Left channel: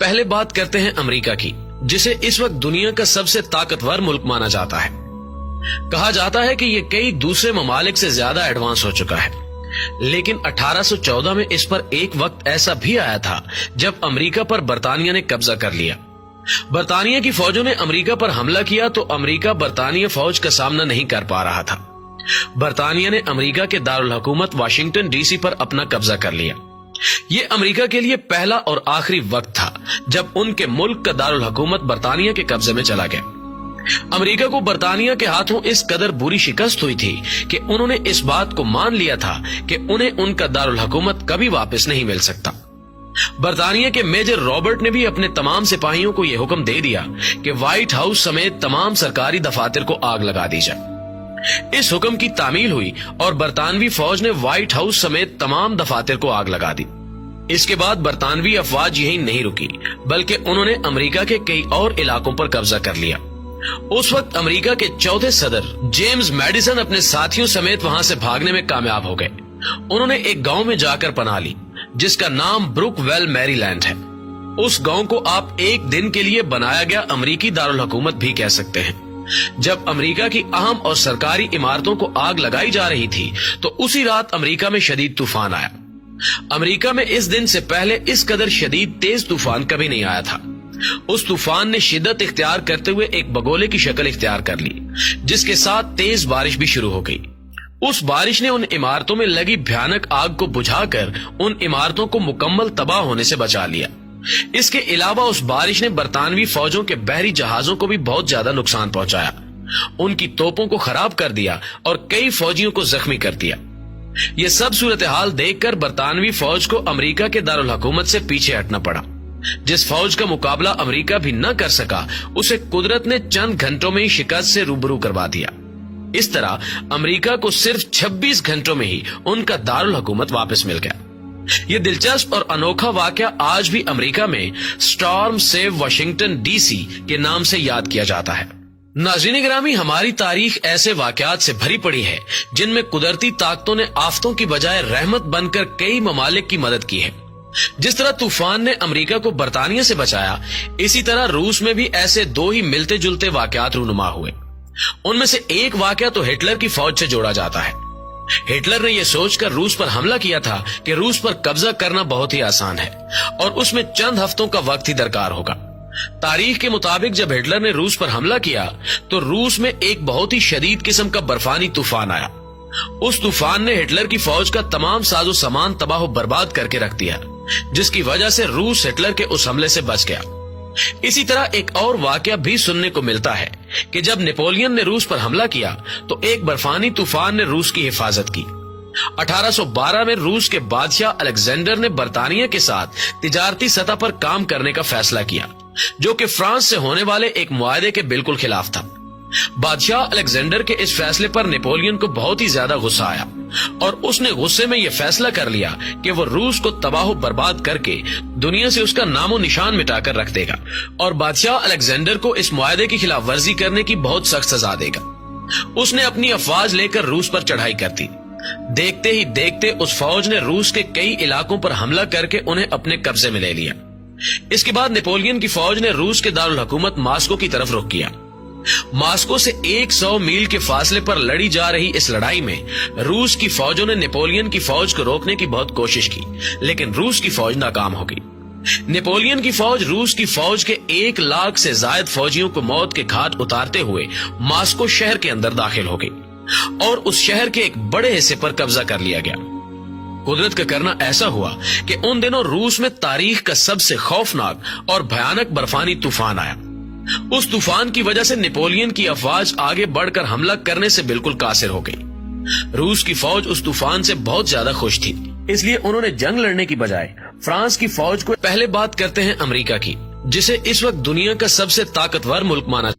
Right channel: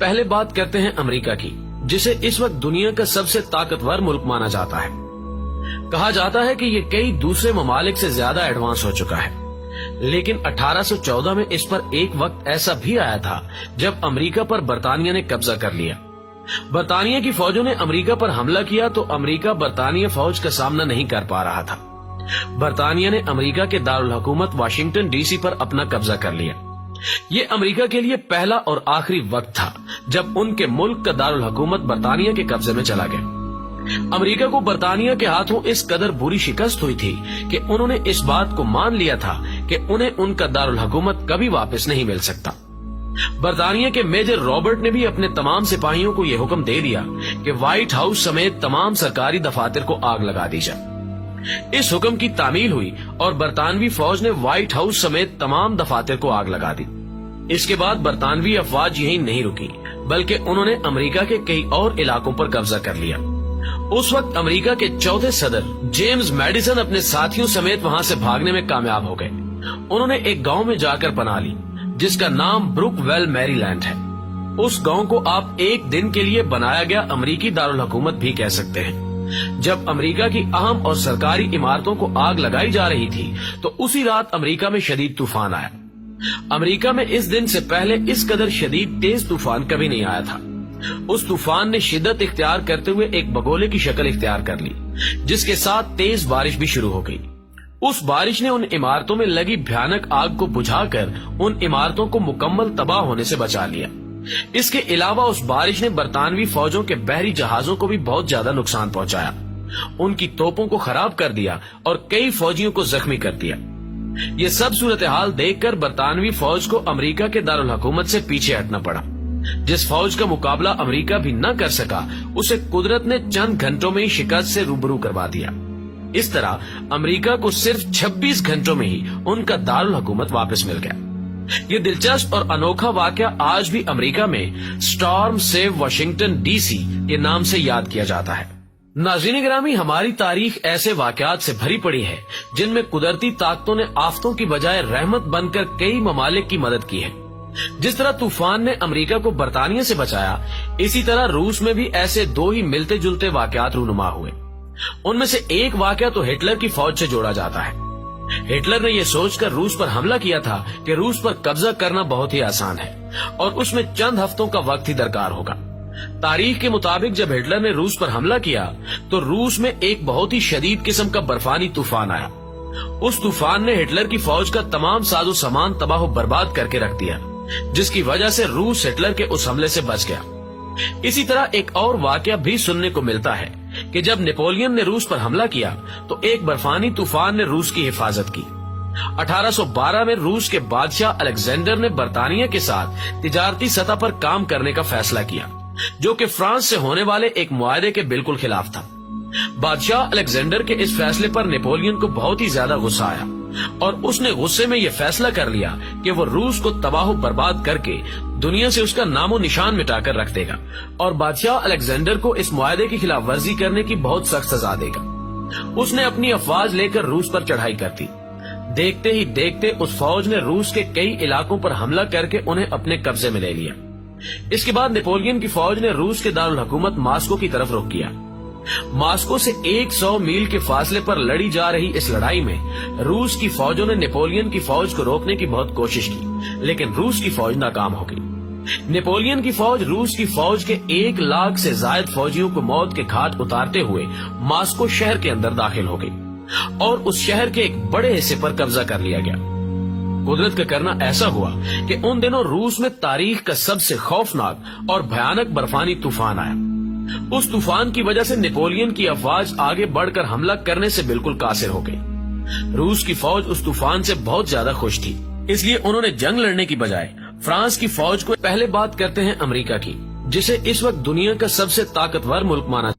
पहले बात करते हैं अमेरिका की, जिसे इस वक्त दुनिया का सबसे ताकतवर मुल्क माना जाता है। कहा जाता है कि ये कई दूसरे ममालिक से ज्यादा एडवांस हो चुका है, लेकिन 1814 में इस पर एक वक्त ऐसा भी आया था जब अमेरिका पर बरतानिया ने कब्जा कर लिया। बरतानिया की फौजों ने अमेरिका पर हमला किया तो अमेरिका बरतानिया फौज का सामना नहीं कर पा रहा था। बरतानिया ने अमेरिका के दारुल हुकूमत वाशिंगटन डीसी पर अपना कब्जा कर लिया। ये अमेरिका के लिए पहला और आखिरी वक्त था जब उनके मुल्क का दारुल हुकूमत बरतानिया के कब्जे में चला गया। अमेरिका को बरतानिया के हाथों इस कदर बुरी शिकस्त हुई थी कि उन्होंने इस बात को मान लिया था कि उन्हें उनका दारुल हुकूमत कभी वापस नहीं मिल सकता। बरतानिया के मेजर रॉबर्ट ने भी अपने तमाम सिपाहियों को यह हुक्म दे दिया कि व्हाइट हाउस समेत तमाम सरकारी दफातर को आग लगा दी जाए। इस हुक्म की तामील हुई और बरतानवी फौज ने व्हाइट हाउस समेत तमाम दफातर को आग लगा दी। इसके बाद बरतानवी अफवाज यही नहीं रुकी, बल्कि उन्होंने अमेरिका के कई और इलाकों पर कब्जा कर लिया। उस वक्त अमेरिका के चौथे सदर जेम्स मैडिसन अपने साथियों समेत वहां से भागने में कामयाब हो गए। उन्होंने एक गांव में जाकर पनाह ली जिसका नाम ब्रुकवेल मैरीलैंड है। उस गांव को आप एक दिन के लिए बनाया गया अमेरिकी दारुल हुकूमत भी कह सकते हैं। जब अमेरिका की अहम और सरकारी इमारतों को आग लगाई जा रही थी तो उसी रात अमेरिका में शदीद तूफान आया। अमेरिका में इस दिन से पहले इस कदर शदीद तेज तूफान कभी नहीं आया था। उस तूफान ने शिद्दत इख्तियार करते हुए एक बगोले की शक्ल इख्तियार कर ली, जिसके साथ तेज बारिश भी शुरू हो गई। उस बारिश ने उन इमारतों में लगी भयानक आग को बुझाकर उन इमारतों को मुकम्मल तबाह होने से बचा लिया। इसके अलावा उस बारिश ने बरतानवी फौजों के बहरी जहाजों को भी बहुत ज्यादा नुकसान पहुंचाया, उनकी तोपों को खराब कर दिया और कई फौजियों को जख्मी कर दिया। ये सब सूरत हाल देखकर बरतानवी फौज को अमेरिका के दारुल हुकूमत से पीछे हटना पड़ा। जिस फौज का मुकाबला अमेरिका भी न कर सका, उसे कुदरत ने चंद घंटों में ही शिकस्त से रूबरू करवा दिया। इस तरह अमेरिका को सिर्फ 26 घंटों में ही उनका दारुल हुकूमत वापस मिल गया। ये दिलचस्प और अनोखा वाकया आज भी अमेरिका में स्टॉर्म सेव वाशिंगटन डीसी के नाम से याद किया जाता है। नाज़रीन गिरामी, हमारी तारीख ऐसे वाकयात से भरी पड़ी है जिनमें कुदरती ताकतों ने आफतों की बजाय रहमत बनकर कई ममालिक की मदद की है। जिस तरह तूफान ने अमेरिका को बरतानिया से बचाया, इसी तरह रूस में भी ऐसे दो ही मिलते जुलते वाकयात रूनुमा हुए। उनमें से एक वाकया तो हिटलर की फौज से जोड़ा जाता है। हिटलर ने यह सोचकर रूस पर हमला किया था कि रूस पर कब्जा करना बहुत ही आसान है और उसमें चंद हफ्तों का वक्त ही दरकार होगा। तारीख के मुताबिक जब हिटलर ने रूस पर हमला किया तो रूस में एक बहुत ही शदीद किस्म का बर्फानी तूफान आया। उस तूफान ने हिटलर की फौज का तमाम साजो सामान तबाह बर्बाद करके रख दिया, जिसकी वजह से रूस हिटलर के उस हमले से बच गया। इसी तरह एक और वाकया भी सुनने को मिलता है कि जब नेपोलियन ने रूस पर हमला किया तो एक बर्फानी तूफान ने रूस की हिफाजत की। 1812 में रूस के बादशाह अलेक्जेंडर ने बरतानिया के साथ तिजारती सतह पर काम करने का फैसला किया, जो कि फ्रांस से होने वाले एक मुआहदे के बिल्कुल खिलाफ था। बादशाह अलेक्जेंडर के इस फैसले पर नेपोलियन को बहुत ही ज्यादा गुस्सा आया और उसने गुस्से में यह फैसला कर लिया कि वो रूस को तबाह बर्बाद करके दुनिया से उसका नामो निशान मिटाकर रख देगा और बादशाह अलेक्जेंडर को इस मुआहदे की खिलाफ वर्जी करने की बहुत सख्त सजा देगा। उसने अपनी अफवाज लेकर रूस पर चढ़ाई कर दी। देखते ही देखते उस फौज ने रूस के कई इलाकों पर हमला करके उन्हें अपने कब्जे में ले लिया। इसके बाद नेपोलियन की फौज ने रूस के दारुल हुकूमत मास्को की तरफ रुख किया। मास्को से 100 मील के फासले पर लड़ी जा रही इस लड़ाई में रूस की फौजों ने नेपोलियन की फौज को रोकने की बहुत कोशिश की, लेकिन रूस की फौज नाकाम हो गई। नेपोलियन की फौज रूस की फौज के 1 लाख से ज्यादा फौजियों को मौत के घाट उतारते हुए मास्को शहर के अंदर दाखिल हो गई और उस शहर के एक बड़े हिस्से पर कब्जा कर लिया गया। कुदरत का करना ऐसा हुआ कि उन दिनों रूस में तारीख का सबसे खौफनाक और भयानक बर्फानी तूफान आया। उस तूफान की वजह से नेपोलियन की अफवाज आगे बढ़कर हमला करने से बिल्कुल कासिर हो गई। रूस की फौज उस तूफान से बहुत ज्यादा खुश थी, इसलिए उन्होंने जंग लड़ने की बजाय फ्रांस की फौज को पहले बात करते हैं अमेरिका की, जिसे इस वक्त दुनिया का सबसे ताकतवर मुल्क माना